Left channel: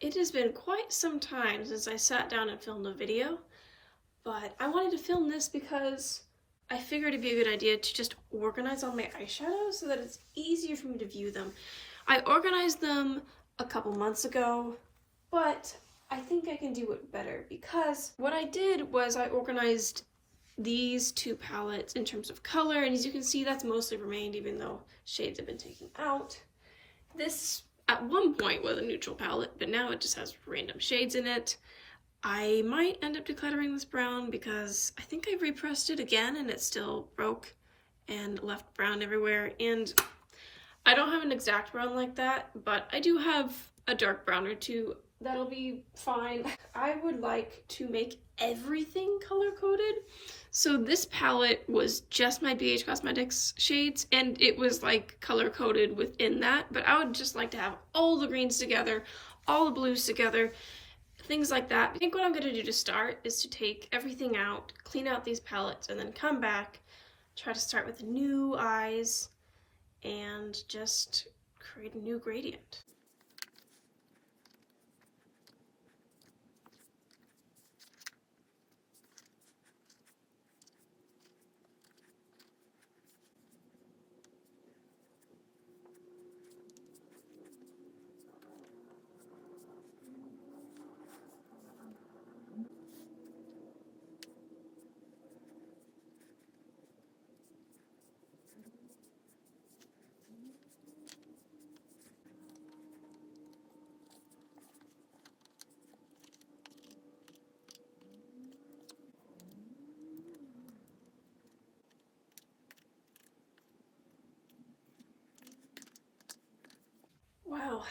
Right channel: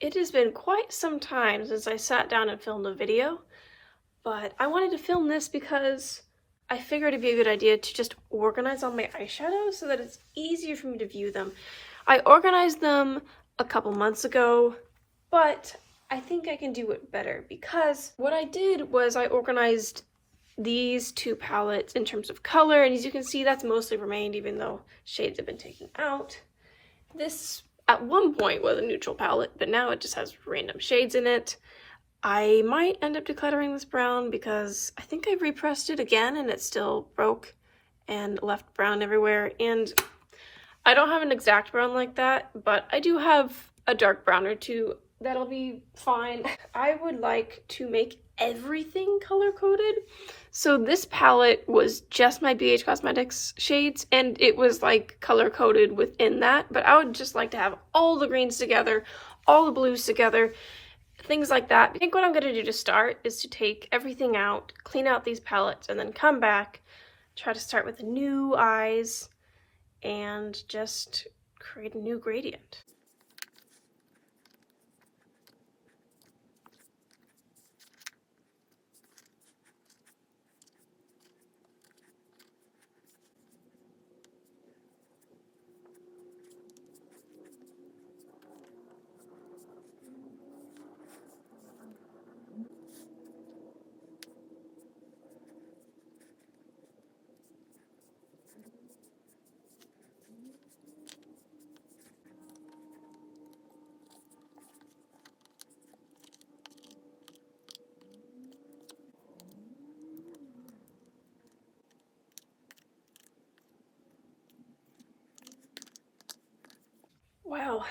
It has been quite some time since I sat down and filmed a video, but I wanted to film this because I figured it'd be a good idea to just organize all my eyeshadows so that it's easier for me to view them. I organized them a couple months ago, but I think I can do it better because what I did was I organized these two palettes in terms of color, and as you can see, that's mostly remained even though shades have been taken out. This at one point was a neutral palette, but now it just has random shades in it. I might end up decluttering this brown because I think I repressed it again and it still broke and left brown everywhere. And I don't have an exact brown like that, but I do have a dark brown or two that'll be fine. I would like to make everything color coded. So this palette was just my BH Cosmetics shades, and it was like color coded within that, but I would just like to have all the greens together, all the blues together, things like that. I think what I'm going to do to start is to take everything out, clean out these palettes, and then come back, try to start with new eyes, and just create a new gradient. Wow,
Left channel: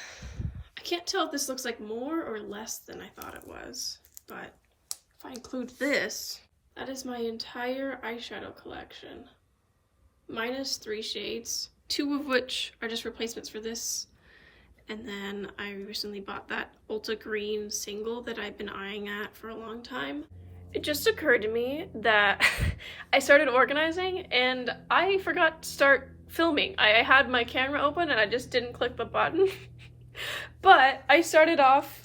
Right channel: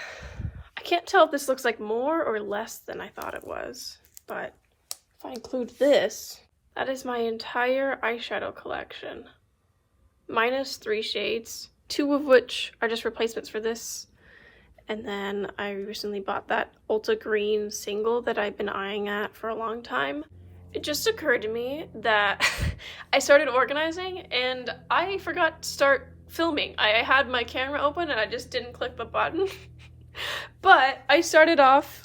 I can't tell if this looks like more or less than I thought it was, but if I include this, that is my entire eyeshadow collection. Minus 3 shades, 2 of which are just replacements for this. And then I recently bought that Ulta Green single that I've been eyeing at for a long time. It just occurred to me that I started organizing and I forgot to start filming. I had my camera open and I just didn't click the button. But I started off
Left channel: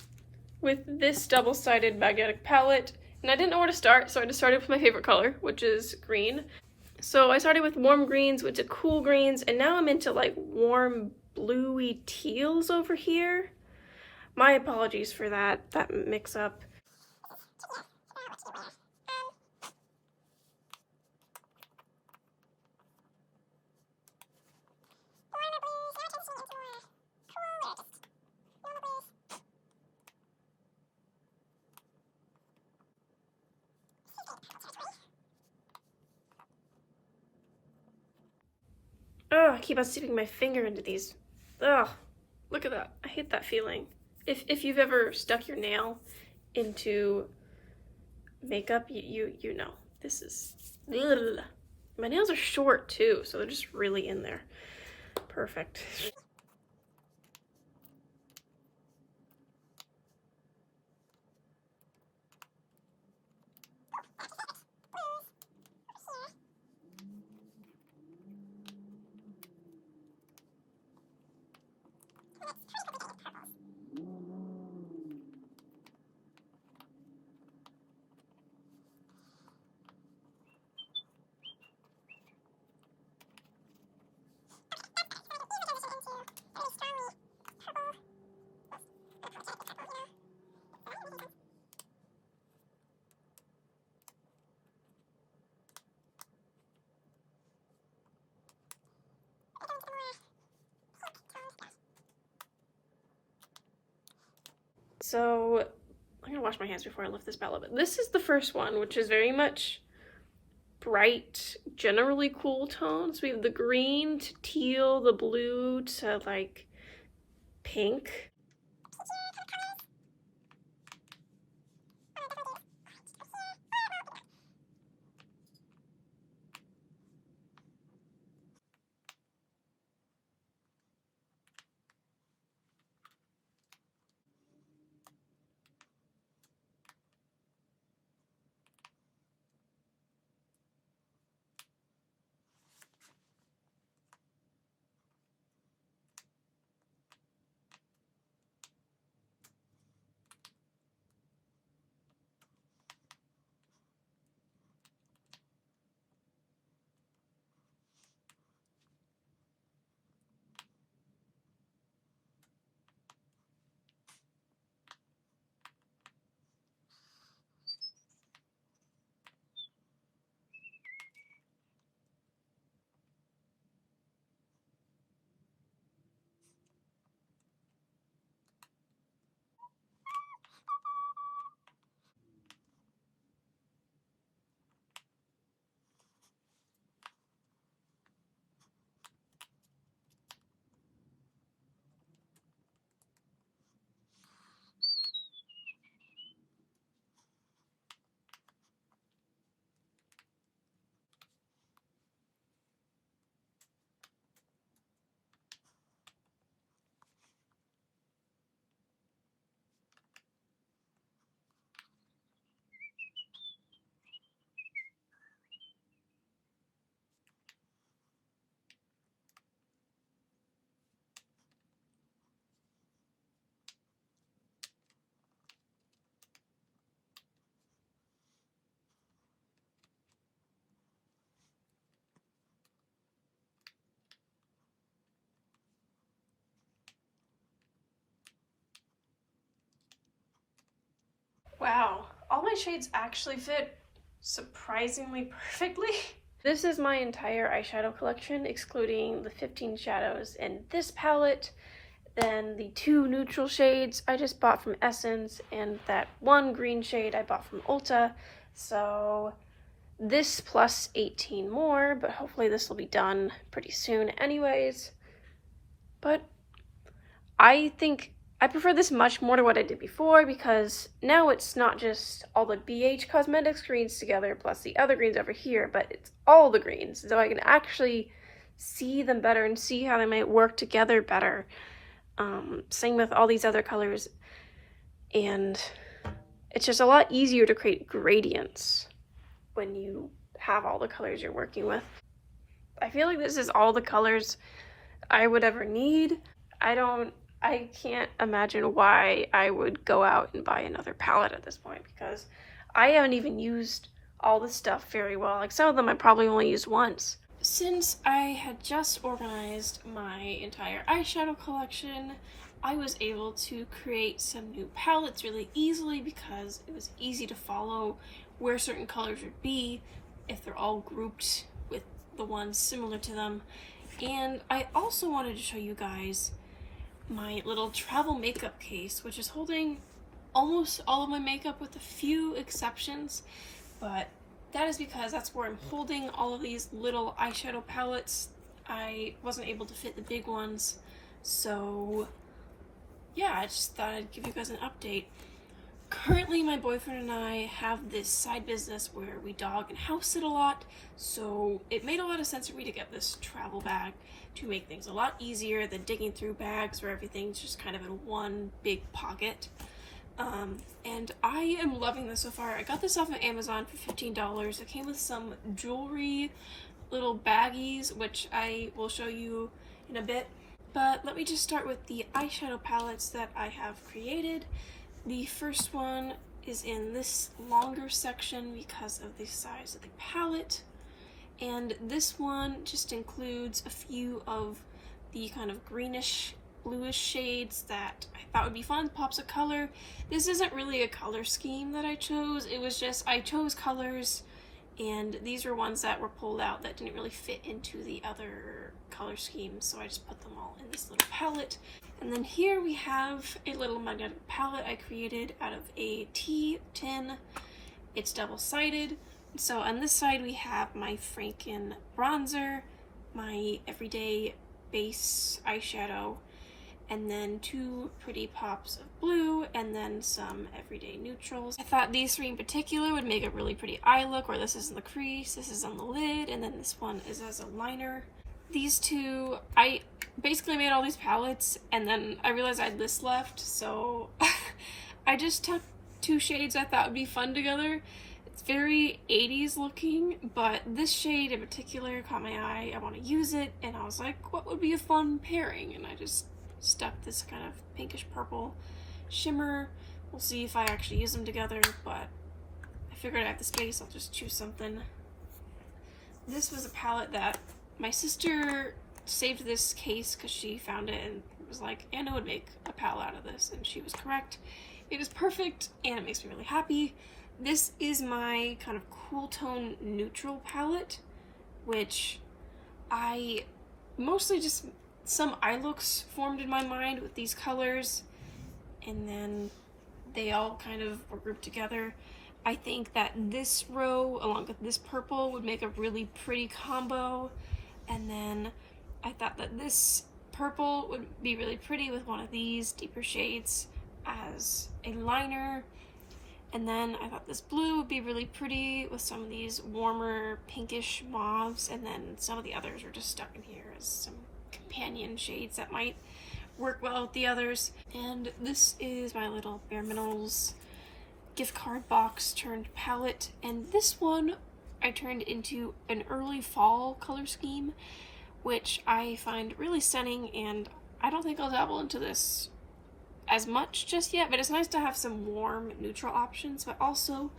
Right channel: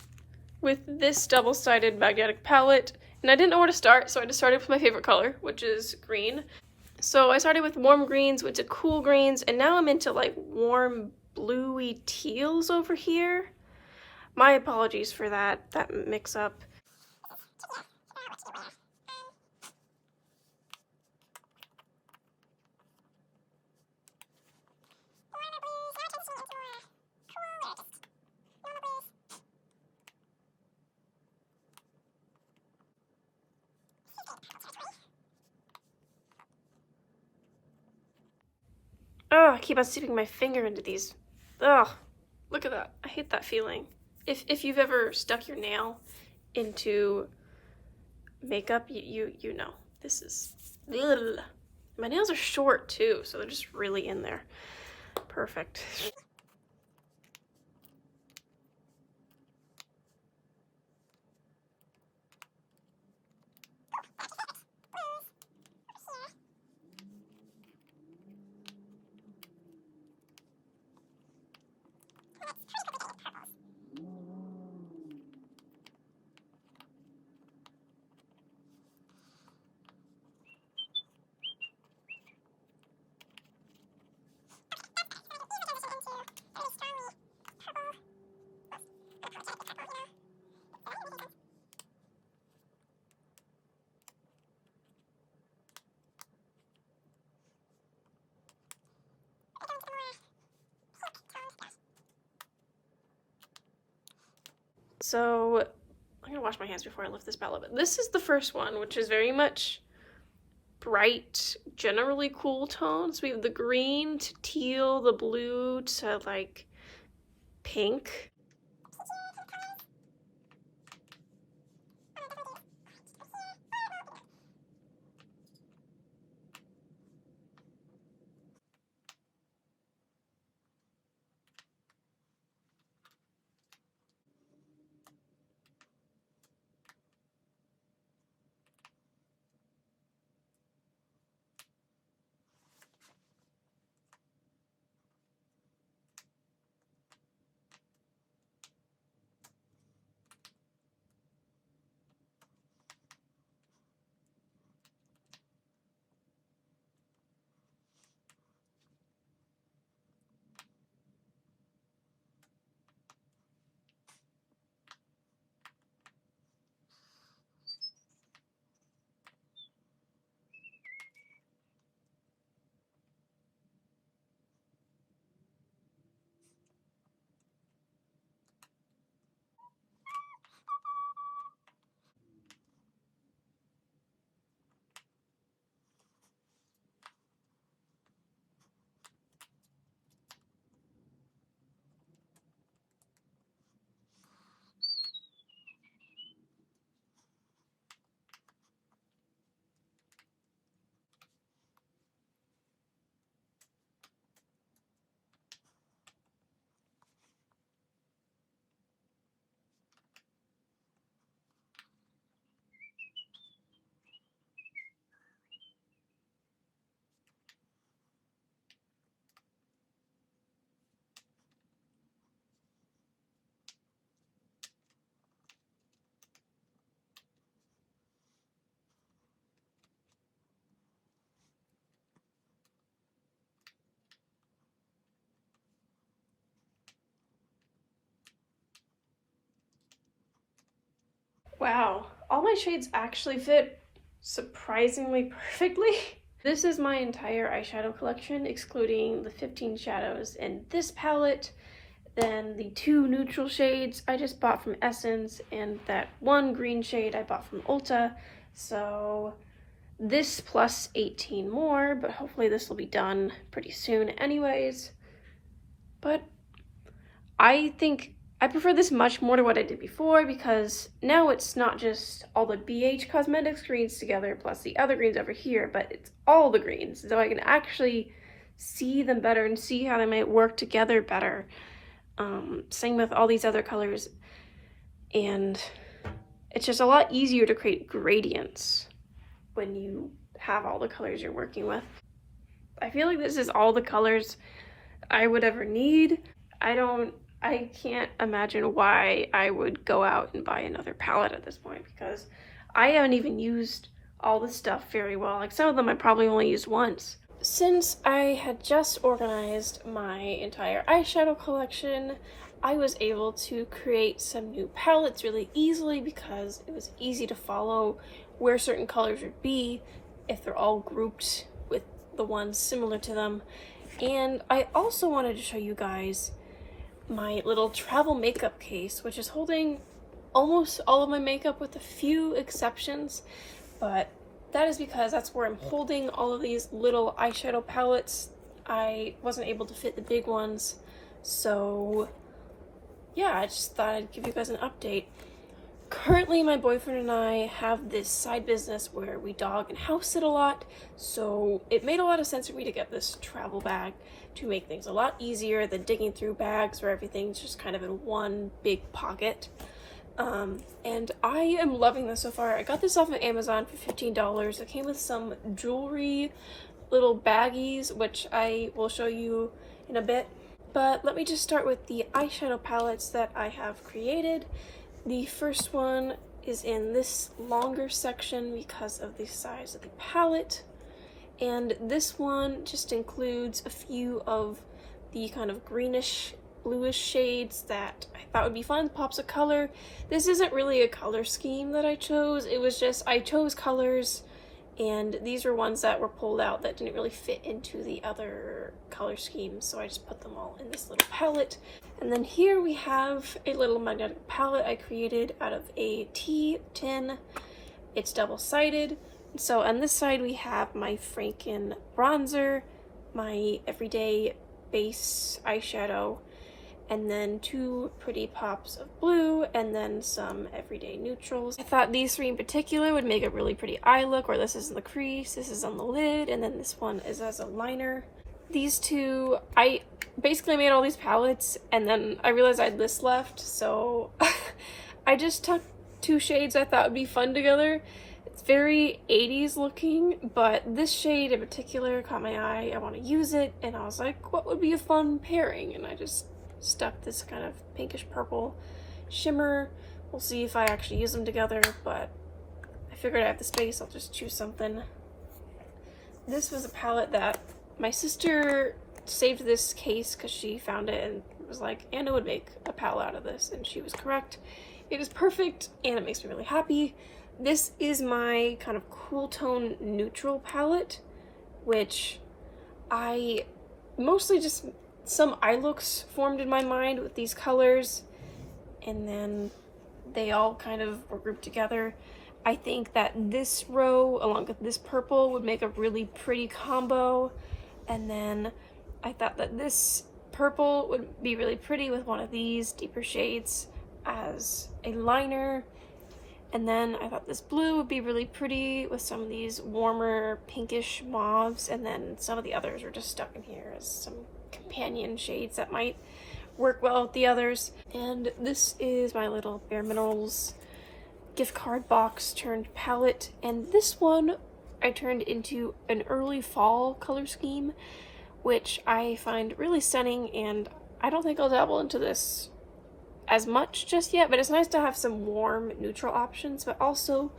with this double-sided magnetic palette, and I didn't know where to start, so I just started with my favorite color, which is green. So I started with warm greens, went to cool greens, and now I'm into like warm bluey teals over here. My apologies for that mix-up. Oh, I keep on sticking my finger into these. Ugh, look at that. I hate that feeling. If you've ever stuck your nail into makeup, you know. This is, ugh. My nails are short too, so they're just really in there. Perfect. So I'm gonna wash my hands before I lift this palette, but this is the first one, which is very much bright, generally cool tones. We have the green to teal, the blue to like pink. my shades actually fit surprisingly perfectly. This is my entire eyeshadow collection, excluding the 15 shadows in this palette, then the 2 neutral shades I just bought from Essence, and that 1 green shade I bought from Ulta. So this plus 18 more, but hopefully this will be done pretty soon anyways. But I think I prefer this much more to what I did before, because now it's not just all the BH Cosmetics greens together plus the other greens over here, but it's all the greens, so I can actually see them better and see how they might work together better. Same with all these other colors, and it's just a lot easier to create gradients when you have all the colors you're working with. I feel like this is all the colors I would ever need. I can't imagine why I would go out and buy another palette at this point, because I haven't even used all the stuff very well. Like, some of them I probably only used once. Since I had just organized my entire eyeshadow collection, I was able to create some new palettes really easily, because it was easy to follow where certain colors would be if they're all grouped with the ones similar to them. And I also wanted to show you guys my little travel makeup case, which is holding almost all of my makeup with a few exceptions, but that is because that's where I'm holding all of these little eyeshadow palettes. I wasn't able to fit the big ones, so yeah, I just thought I'd give you guys an update. Currently, my boyfriend and I have this side business where we dog and house sit a lot, so it made a lot of sense for me to get this travel bag to make things a lot easier than digging through bags where everything's just kind of in one big pocket. And I am loving this so far. I got this off of Amazon for $15. It came with some jewelry, little baggies, which I will show you in a bit. But let me just start with the eyeshadow palettes that I have created. The first one is in this longer section because of the size of the palette, and this one just includes a few of the kind of greenish bluish shades that I thought would be fun, pops of color. This isn't really a color scheme that I chose, it was just I chose colors, and these were ones that were pulled out that didn't really fit into the other color schemes, so I just put them all in this little palette. And then here we have a little magnetic palette I created out of a tea tin. It's double-sided. So on this side we have my Franken bronzer, my everyday base eyeshadow, and then 2 pretty pops of blue, and then some everyday neutrals. I thought these 3 in particular would make a really pretty eye look, where this is in the crease, this is on the lid, and then this one is as a liner. These 2, I basically made all these palettes, and then I realized I had this left, so I just took 2 shades I thought would be fun together. It's very 80s looking, but this shade in particular caught my eye. I want to use it, and I was like, what would be a fun pairing? And I just stuck this kind of pinkish purple shimmer. We'll see if I actually use them together, but I figured I have the space, I'll just choose something. This was a palette that my sister saved this case because she found it and was like, Anna would make a palette out of this, and she was correct. It is perfect, and it makes me really happy. This is my kind of cool tone neutral palette, which I mostly just some eye looks formed in my mind with these colors, and then they all kind of were grouped together. I think that this row along with this purple would make a really pretty combo, and then I thought that this purple would be really pretty with one of these deeper shades as a liner, and then I thought this blue would be really pretty with some of these warmer pinkish mauves, and then some of the others are just stuck in here as some companion shades that might work well with the others. And this is my little Bare Minerals gift card box turned palette, and this one I turned into an early fall color scheme, which I find really stunning, and I don't think I'll dabble into this as much just yet, but it's nice to have some warm neutral options. But also,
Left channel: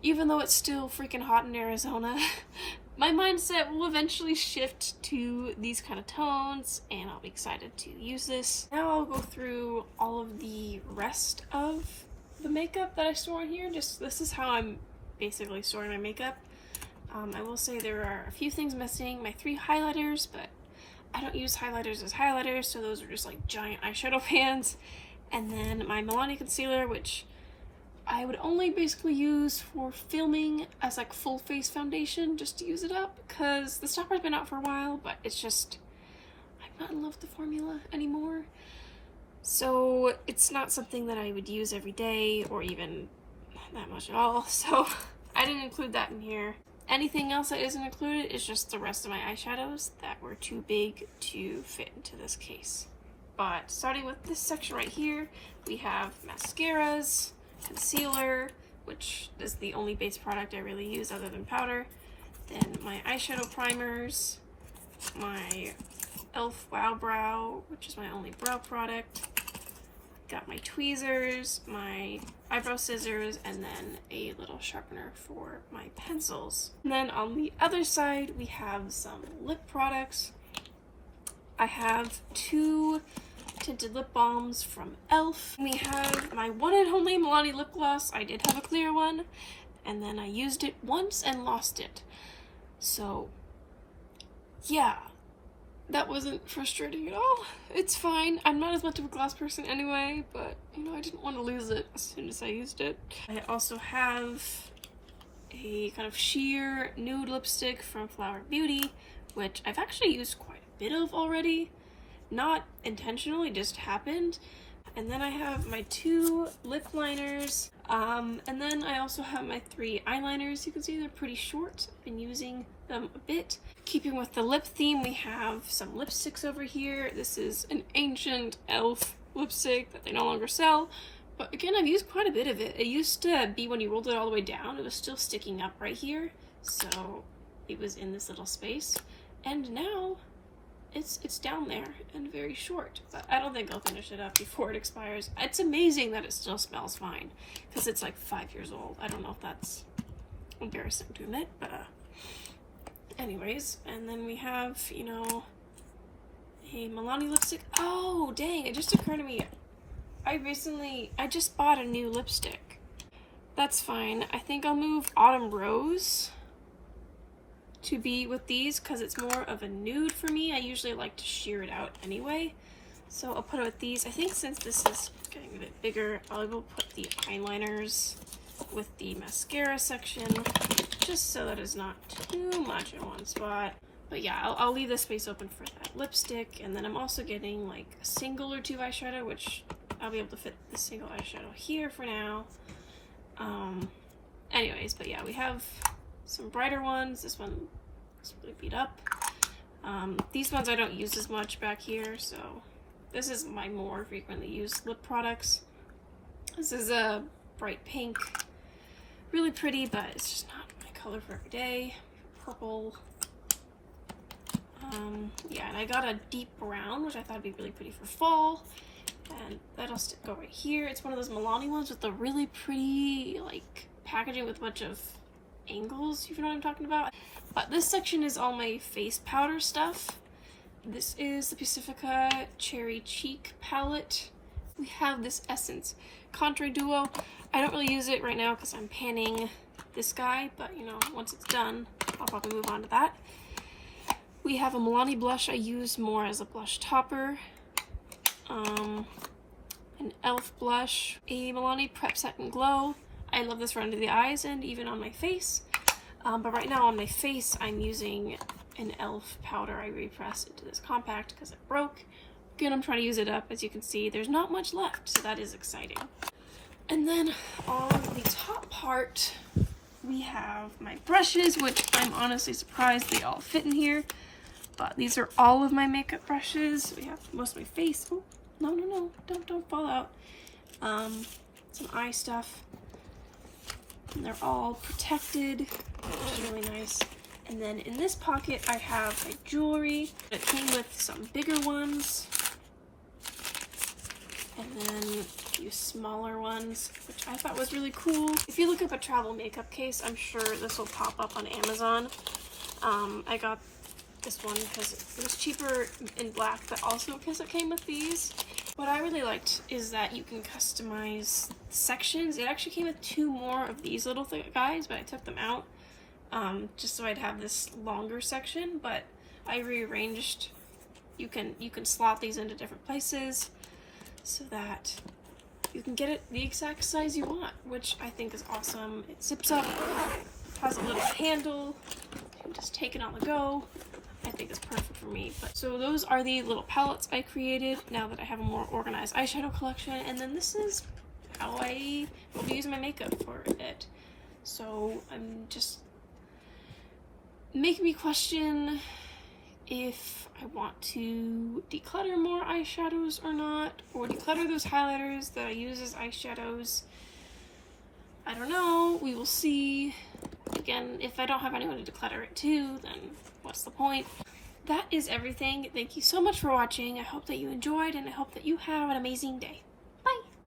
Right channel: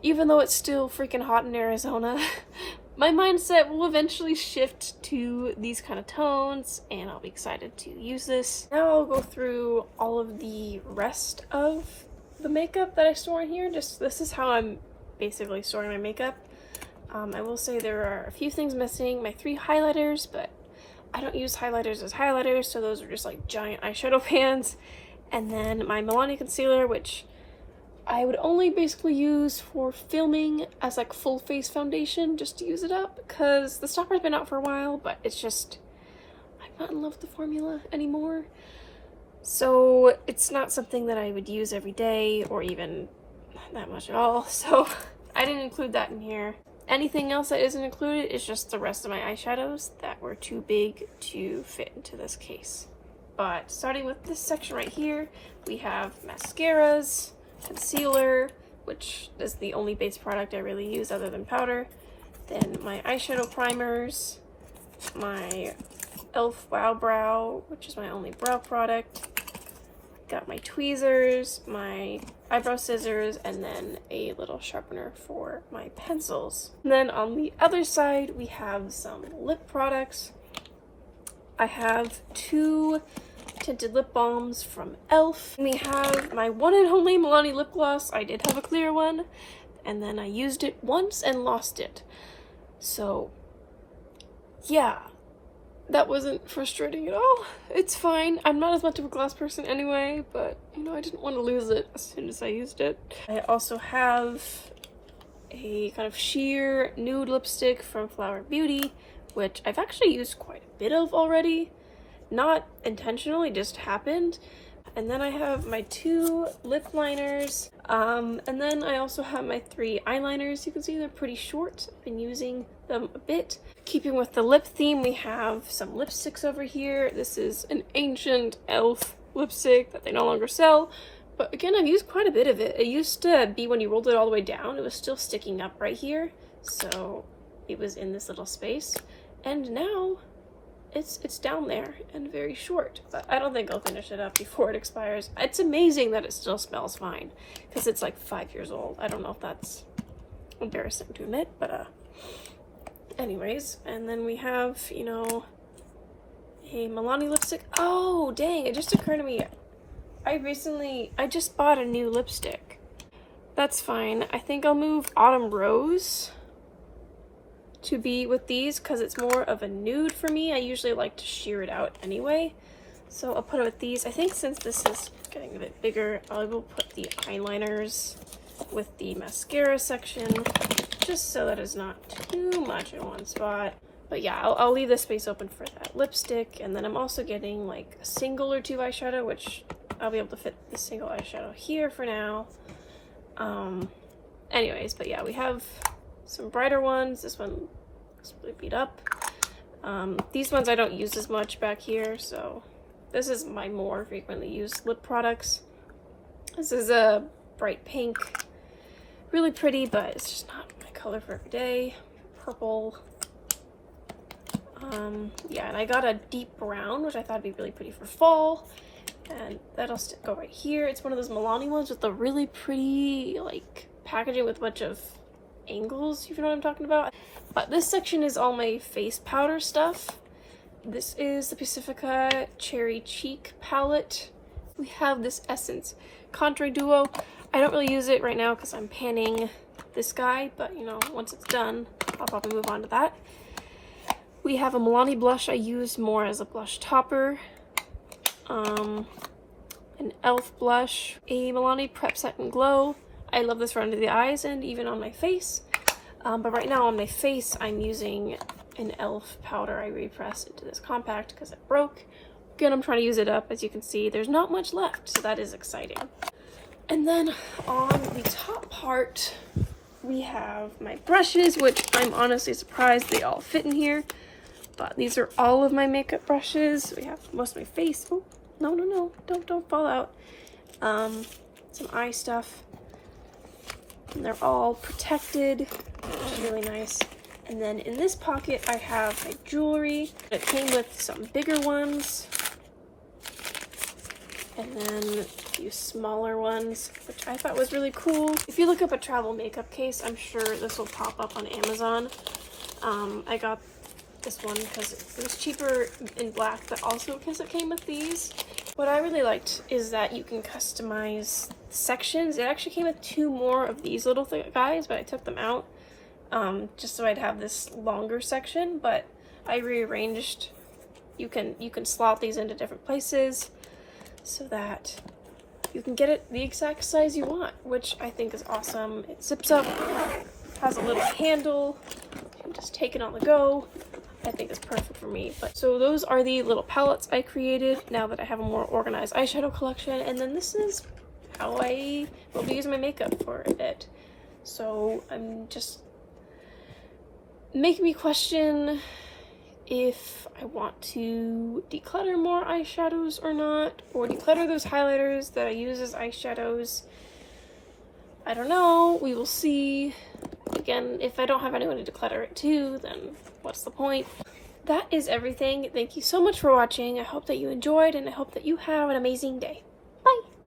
even though it's still freaking hot in Arizona, my mindset will eventually shift to these kind of tones, and I'll be excited to use this. Now I'll go through all of the rest of the makeup that I store in here. Just this is how I'm basically storing my makeup. I will say there are a few things missing. My 3 highlighters, but I don't use highlighters as highlighters, so those are just like giant eyeshadow pans. And then my Milani concealer, which I would only basically use for filming as like full face foundation, just to use it up, because the stopper's been out for a while, but it's just, I'm not in love with the formula anymore. So it's not something that I would use every day or even that much at all, so I didn't include that in here. Anything else that isn't included is just the rest of my eyeshadows that were too big to fit into this case. But starting with this section right here, we have mascaras, concealer, which is the only base product I really use other than powder. Then my eyeshadow primers, my e.l.f. Wow Brow, which is my only brow product. Got my tweezers, my eyebrow scissors, and then a little sharpener for my pencils. And then on the other side, we have some lip products. I have 2 tinted lip balms from e.l.f. We have my one and only Milani lip gloss. I did have a clear one, and then I used it once and lost it. So, yeah. That wasn't frustrating at all. It's fine. I'm not as much of a gloss person anyway, but, you know, I didn't want to lose it as soon as I used it. I also have a kind of sheer nude lipstick from Flower Beauty, which I've actually used quite a bit of already. Not intentionally, just happened. And then I have my 2 lip liners. And then I also have my 3 eyeliners. You can see they're pretty short. I've been using them a bit. Keeping with the lip theme, we have some lipsticks over here. This is an ancient e.l.f. lipstick that they no longer sell. But again, I've used quite a bit of it. It used to be when you rolled it all the way down, it was still sticking up right here. So it was in this little space. And now it's down there and very short, but I don't think I'll finish it up before it expires. It's amazing that it still smells fine, because it's like 5 years old. I don't know if that's embarrassing to admit, but anyways. And then we have, you know, a Milani lipstick. Oh, dang, it just occurred to me, I just bought a new lipstick. That's fine. I think I'll move Autumn Rose to be with these because it's more of a nude for me. I usually like to sheer it out anyway, so I'll put it with these. I think since this is getting a bit bigger, I will put the eyeliners with the mascara section, just so that it's not too much in one spot. But yeah, I'll leave the space open for that lipstick. And then I'm also getting like a single or 2 eyeshadow, which I'll be able to fit the single eyeshadow here for now. Anyways, but yeah, we have some brighter ones. This one is really beat up. These ones I don't use as much back here, so this is my more frequently used lip products. This is a bright pink, really pretty, but it's just not my color for every day. Purple. Yeah, and I got a deep brown, which I thought would be really pretty for fall, and that'll go right here. It's one of those Milani ones with the really pretty like packaging with a bunch of angles, if you know what I'm talking about. But this section is all my face powder stuff. This is the Pacifica Cherry Cheek palette. We have this Essence Contour Duo. I don't really use it right now because I'm panning this guy, but you know, once it's done, I'll probably move on to that. We have a Milani blush I use more as a blush topper. An e.l.f. blush, a Milani Prep Set and Glow. I love this for under the eyes and even on my face. But right now on my face, I'm using an e.l.f. powder I repressed into this compact because it broke. Again, I'm trying to use it up. As you can see, there's not much left, so that is exciting. And then on the top part, we have my brushes, which I'm honestly surprised they all fit in here. But these are all of my makeup brushes. We have most of my face. Oh, no, don't fall out. Some eye stuff. And they're all protected, which is really nice. And then in this pocket, I have my jewelry. It came with some bigger ones. And then a few smaller ones, which I thought was really cool. If you look up a travel makeup case, I'm sure this will pop up on Amazon. I got this one because it was cheaper in black, but also because it came with these. What I really liked is that you can customize sections. It actually came with 2 more of these little guys, but I took them out just so I'd have this longer section, but I rearranged. You can slot these into different places so that you can get it the exact size you want, which I think is awesome. It zips up, has a little handle, you can just take it on the go. I think it's perfect for me. But so those are the little palettes I created now that I have a more organized eyeshadow collection, and then this is how I will be using my makeup for a bit. So I'm just making me question if I want to declutter more eyeshadows or not, or declutter those highlighters that I use as eyeshadows. I don't know, we will see. Again, if I don't have anyone to declutter it to, then what's the point? That is everything. Thank you so much for watching. I hope that you enjoyed, and I hope that you have an amazing day.